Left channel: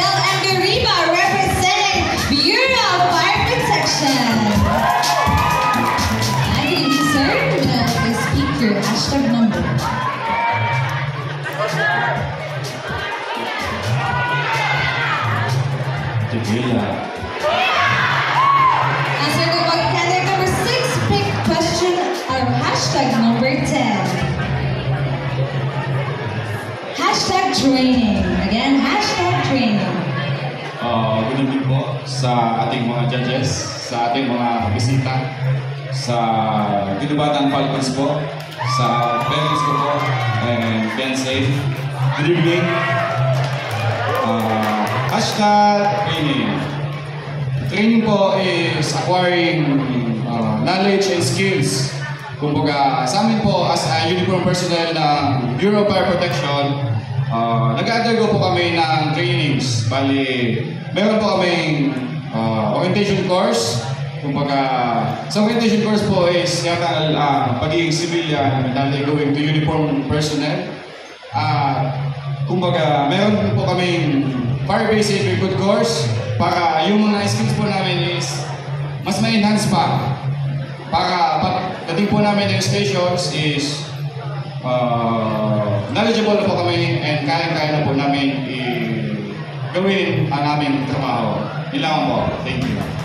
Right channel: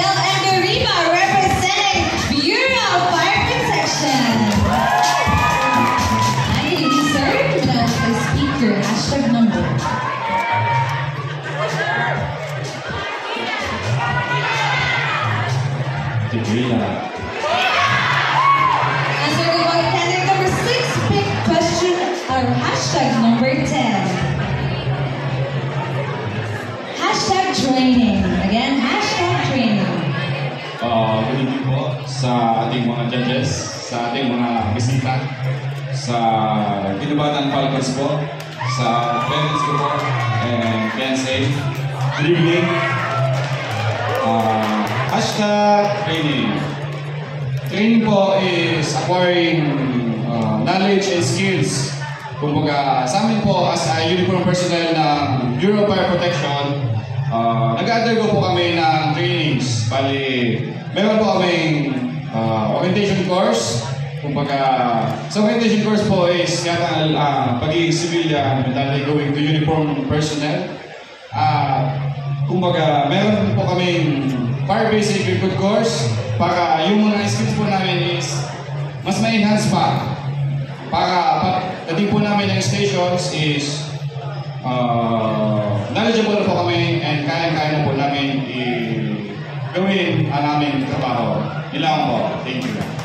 Miguel Angarima representing Bureau of Fire Protection. Thank you, sir. Let's speak your hashtag number. Tequila. Answer the vote candidate number 6. Pick question or hashtag number 10. Hashtag training. Again, hashtag training. Good evening po sa ating mga judges, sa ating mga bisita, sa Binubatan Falcons po, sa parents ko po, and fiancé. Good evening. Hashtag training. Training po is acquiring knowledge and skills. Kumbaga, sa amin po as a uniform personnel ng Bureau of Fire Protection, nag-undergo po kami ng trainings. Bali, meron po kaming orientation course. Kumbaga, sa orientation course po is pagiging civilian, dahil going to uniform personnel. Kumbaga, meron po kaming fire basic recruit course para yung mga skills po namin is mas ma-enhance pa. Para pagdating po namin ng stations is knowledgeable na po kami and kaya-kaya na po namin gawin ang aming trabaho. Ilang po. Thank you.